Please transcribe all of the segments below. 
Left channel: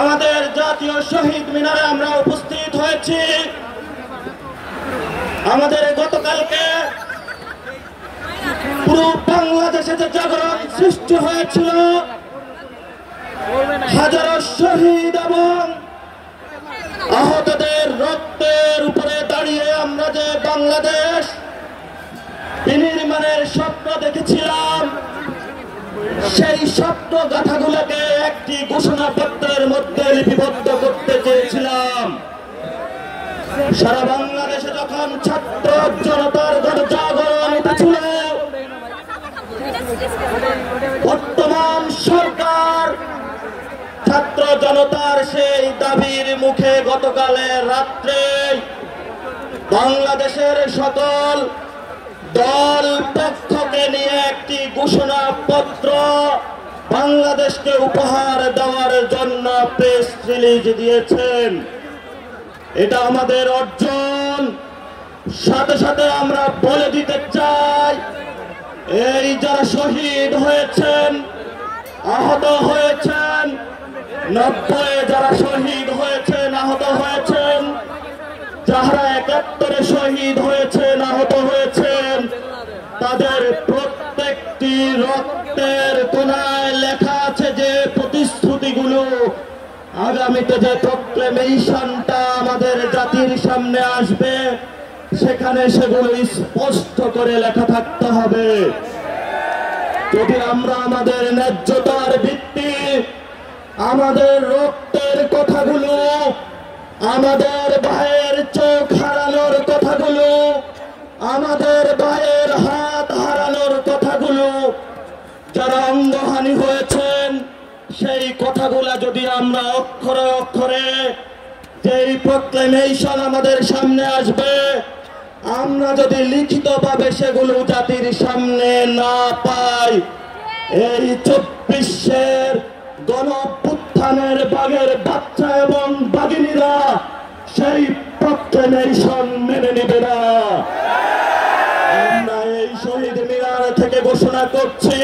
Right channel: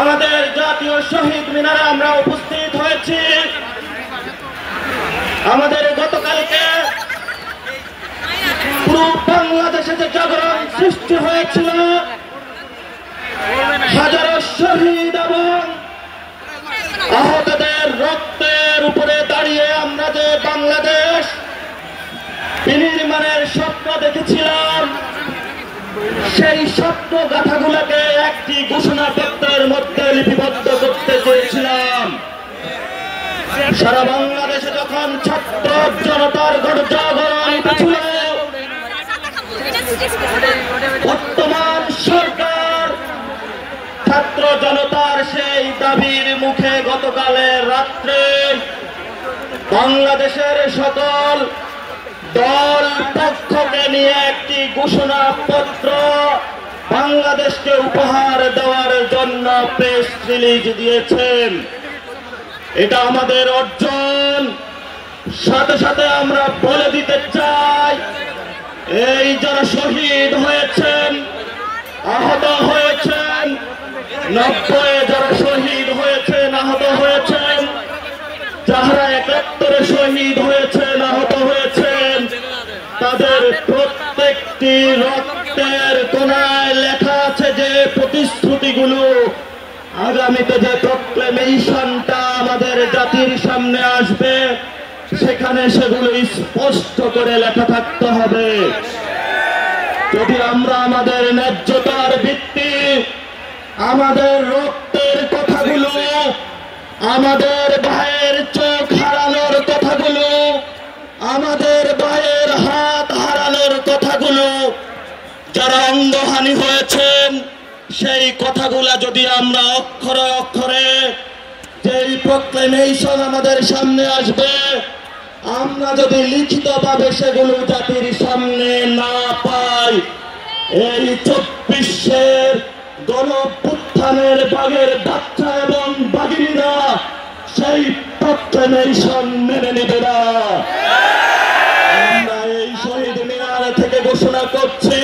আমাদের জাতীয় শহীদ মিনারে আমরা উপস্থিত হয়েছি। আমাদের গতকালকে পুরো বাংলাদেশে যে জাগরণ সৃষ্টি হয়েছিল, হাজারো শহীদ এবং আহতদের রক্তের উপরে দাঁড়িয়ে আমরা যে বাংলাদেশ বিনির্মাণের স্বপ্ন দেখেছিলাম, সেই স্বপ্ন গাথাগুলোকে একটি ঘোষণাপত্রের মধ্যে লিপিবদ্ধ করতে চেয়েছিলাম। সারা বাংলাদেশে যখন ছাত্র জনতার গণজাগরণ উঠেছিল, বর্তমান সরকার ছাত্র জনতার সেই দাবির মুখে গতকালের রাত্রে বাংলাদেশের সকল দল পক্ষকে নিয়ে একটি ঘোষণাপত্র বাংলাদেশকে উপহার দেওয়ার জন্য প্রেস রিলিজ দিয়েছেন। এটা আমাদের অর্জন। সাথে সাথে আমরা বলে দিতে চাই, এই যারা শহীদ হয়েছেন, আহত হয়েছেন, 90 যারা শহীদ হয়েছেন, আহত হয়েছেন, যারা 71-এ শহীদ হয়েছেন, আহত হয়েছেন, তাদের প্রত্যেকটি রক্তের কোনায় লেখা আছে যে প্রতিশ্রুতিগুলো আগামীতে যে প্রক্লেমেশনটা আমাদের জাতির সামনে আসবে, সেখানে সেগুলো স্পষ্ট করে লেখা থাকতে হবে। যদি আমরা আমাদের ন্যায্যতার ভিত্তি, আমাদের রক্তের কথাগুলো, আমাদের ভাইয়ের চোখ হারানোর কথাগুলো, আমাদের ভাইয়ের হাত হারানোর কথাগুলো, যারা অঙ্গহানি হয়েছেন, সেই কথাগুলা যদি আমরা অক্ষরে অক্ষরে যেই প্রক্লেমেশন আমাদের সামনে আসবে, আমরা যদি লিখিতভাবে সেগুলো জাতির সামনে না পাই, এই 24-এর গণঅভ্যুত্থানের বাগের বাচ্চা এবং বাগিনীরা সেই প্রক্লেমেশন মেনে নেবে না। আমরা এই শহীদ মিনার থেকে ঘোষণা করছি,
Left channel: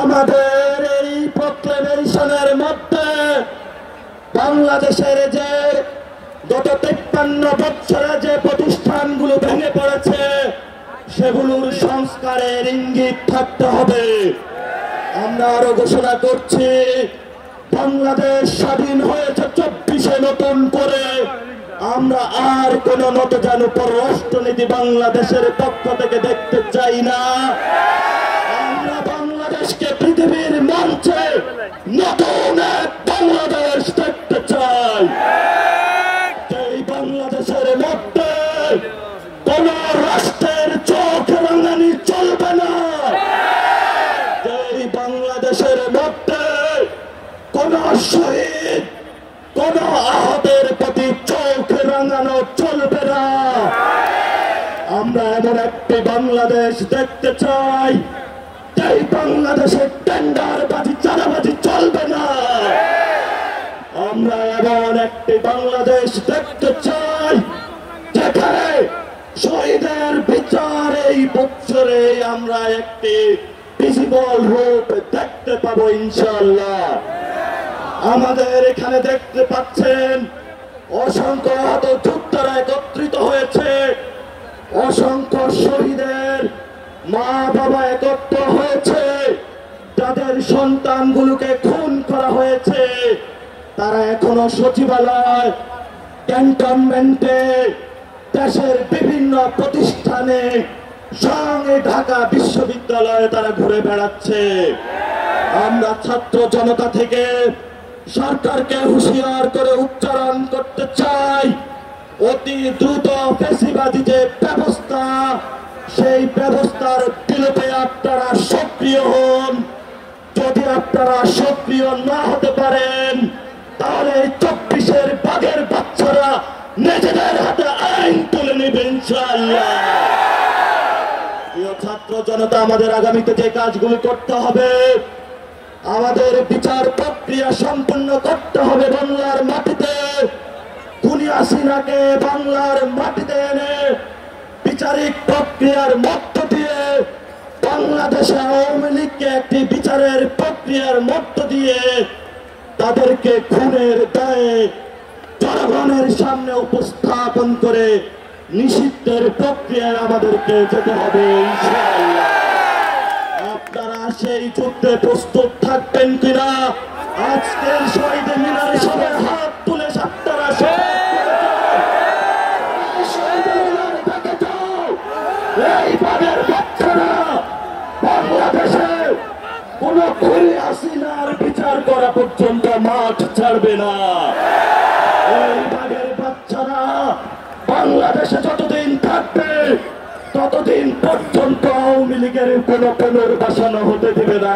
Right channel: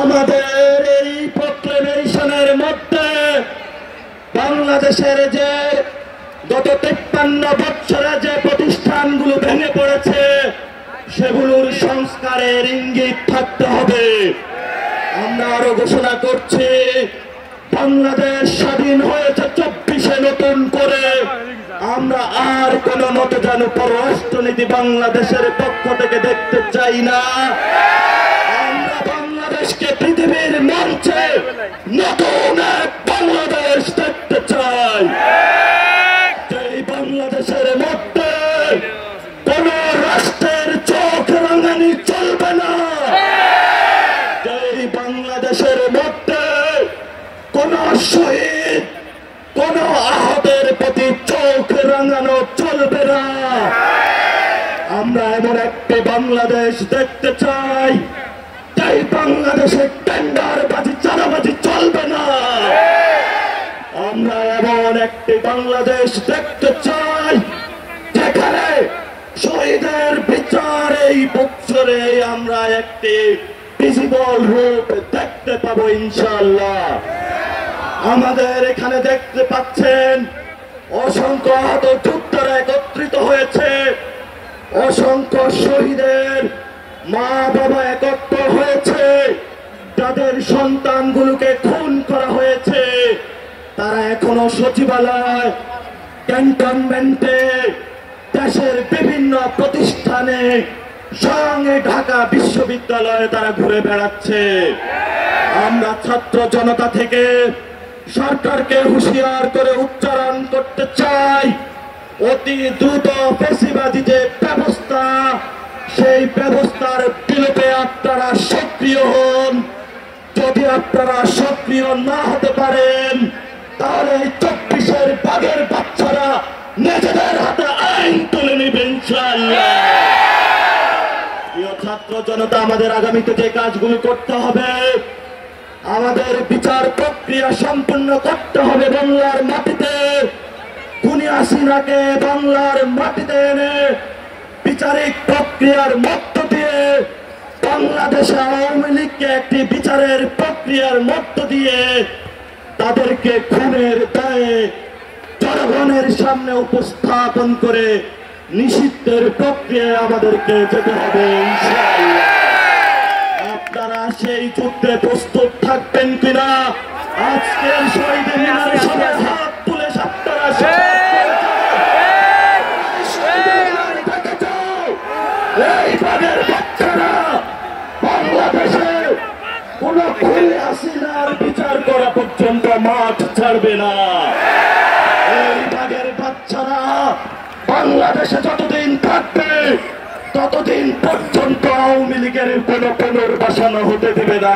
আমাদের এই প্রক্লেমেশনের মধ্যে বাংলাদেশের যে গত 53 বছরে যে প্রতিষ্ঠানগুলো ভেঙে পড়েছে, সেগুলোর সংস্কারের ইঙ্গিত থাকতে হবে। আমরা আরো ঘোষণা করছি, বাংলাদেশ স্বাধীন হয়েছে 24-এ নতুন করে। আমরা আর কোন নতজান পররাষ্ট্রনীতি বাংলাদেশের পক্ষ থেকে দেখতে চাই না। আমরা বাংলাদেশকে পৃথিবীর মঞ্চে নতুন এক বাংলাদেশ দেখতে চাই। এই বাংলাদেশের মধ্যে কোন রাষ্ট্রের চোখ রাঙানি চলবে না। এই বাংলাদেশের মধ্যে কোন শহীদ, কোন আহতের প্রতি চোখ রাঙানো চলবে না। আমরা এমন একটি বাংলাদেশ দেখতে চাই, এই বাংলাদেশে টেন্ডারবাজি, চাঁদাবাজি চলবে না। আমরা এমন একটি বাংলাদেশ দেখতে চাই, যেখানে শহীদের বিচার এই বছরে আমরা একটি ভিজিবল রূপ দেখতে পাবো ইনশাআল্লাহ। আমাদের এখানে দেখতে পাচ্ছেন অসংখ্য আহত যোদ্ধারা একত্রিত হয়েছে, অসংখ্য শহীদের মা বাবা একত্র হয়েছে, যাদের সন্তানগুলোকে খুন করা হয়েছে, তারা এখনো সচিবালয়, ক্যান্টনমেন্টে, দেশের বিভিন্ন প্রতিষ্ঠানে, সঙ্গে ঢাকা বিশ্ববিদ্যালয়ে তারা ঘুরে বেড়াচ্ছে। আমরা ছাত্র জনতা থেকে সরকারকে হুঁশিয়ার করে উচ্চারণ করতে চাই, অতি দ্রুত ফ্যাসিবাদী যে ব্যবস্থা, সেই ব্যবস্থার বিরুদ্ধে আপনারা সক্রিয় হন। যদি আপনারা সক্রিয় না হতে পারেন, তাহলে 24-এর বাগের বাচ্চারা নিজেদের হাতে আইন তুলে নেবে ইনশাআল্লাহ। প্রিয় ছাত্র জনতা, আমাদের আগামীতে যে কাজগুলো করতে হবে, আমাদের বিচার প্রক্রিয়া সম্পন্ন করতে হবে বাংলার মাটিতে। খুনি হাসিনাকে বাংলার মাটিতে এনে বিচারিক প্রক্রিয়ার মধ্য দিয়ে বাংলাদেশে আওয়ামী লীগকে একটি বিচারের প্রক্রিয়ার মধ্য দিয়ে তাদেরকে খুনের দায়ে জনগণের সামনে উপস্থাপন করে নিষিদ্ধের প্রক্রিয়ায় আমাদেরকে যেতে হবে ইনশাআল্লাহ। আপনারা সেই যুদ্ধে প্রস্তুত থাকবেন কিনা? আজকের শহীদ মিনারে সবাই হাত তুলে আপনারা এই বাগের বাচ্চারা বাংলাদেশে কোন খুনি হাসিনার বিচার করা পর্যন্ত মাঠ ছাড়বে না। এই বাগের বাচ্চারা বাংলাদেশে যতদিন থাকবে ততদিন পর্যন্ত আওয়ামী লীগের কোন পুনর্বাসন হতে দেবে না।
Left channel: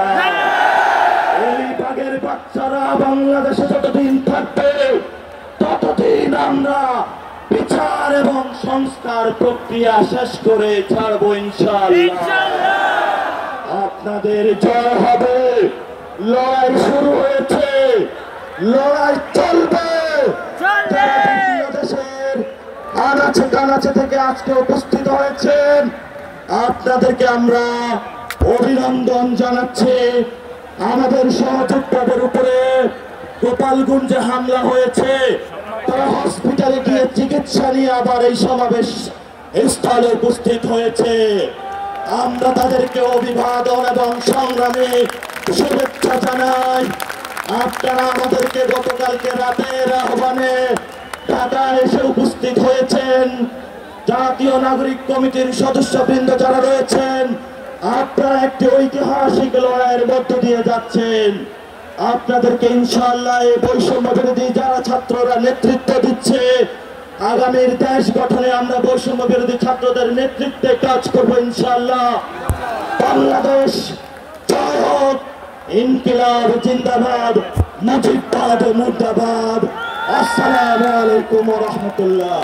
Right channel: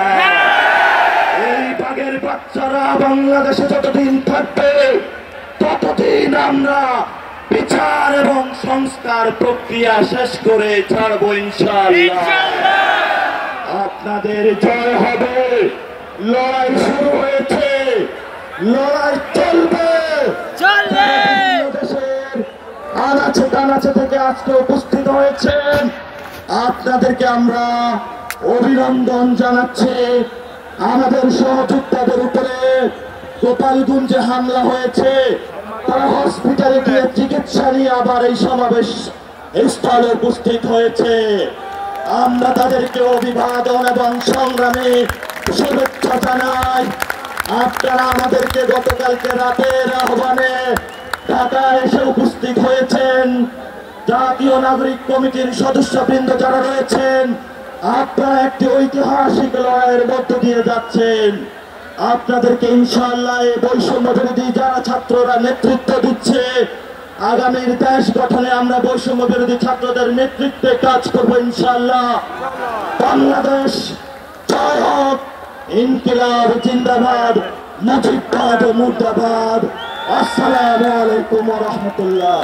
এই বাগের বাচ্চারা বাংলাদেশে যতদিন থাকবে ততদিন আমরা বিচার এবং সংস্কার প্রক্রিয়া শেষ করে ছাড়বো ইনশাআল্লাহ। আপনাদের জয় হবে। লড়াই শুরু হয়েছে, লড়াই চলবে। দেশের আনাচে কানাচে থেকে আজকে উপস্থিত হয়েছেন, আপনাদেরকে আমরা অভিনন্দন জানাচ্ছি। আমাদের সহযোদ্ধাদের উপরে গোপালগঞ্জে হামলা হয়েছে, তারা হসপিটালে গিয়ে চিকিৎসা নিয়ে আবার এই সমাবেশ স্থলে উপস্থিত হয়েছে। আমরা তাদেরকে অভিবাদন এবং সংগ্রামী শুভেচ্ছা জানাই। আপনারা আমাদেরকে গতকালকে রাতের আহ্বানে ঢাকায় এসে উপস্থিত হয়েছেন। জাতীয় নাগরিক কমিটির সদস্যবৃন্দ যারা রয়েছেন, আপনারা একটি ঐতিহাসিক লড়াইয়ের মধ্য দিয়ে যাচ্ছেন। আপনাদেরকে ইনশাআল্লাহ এই বৈষম্য বিরোধী যারা ছাত্ররা নেতৃত্ব দিচ্ছে, আগামীর দেশ গঠনে আমরা বৈষম্য বিরোধী ছাত্রদের নেতৃত্বে কাজ করবো ইনশাআল্লাহ। বাংলাদেশ জয় হোক, ইনকিলাব জিন্দাবাদ, মুজিববাদ মুর্দাবাদ। আসসালামু আলাইকুম ওয়া রাহমাতুল্লাহ।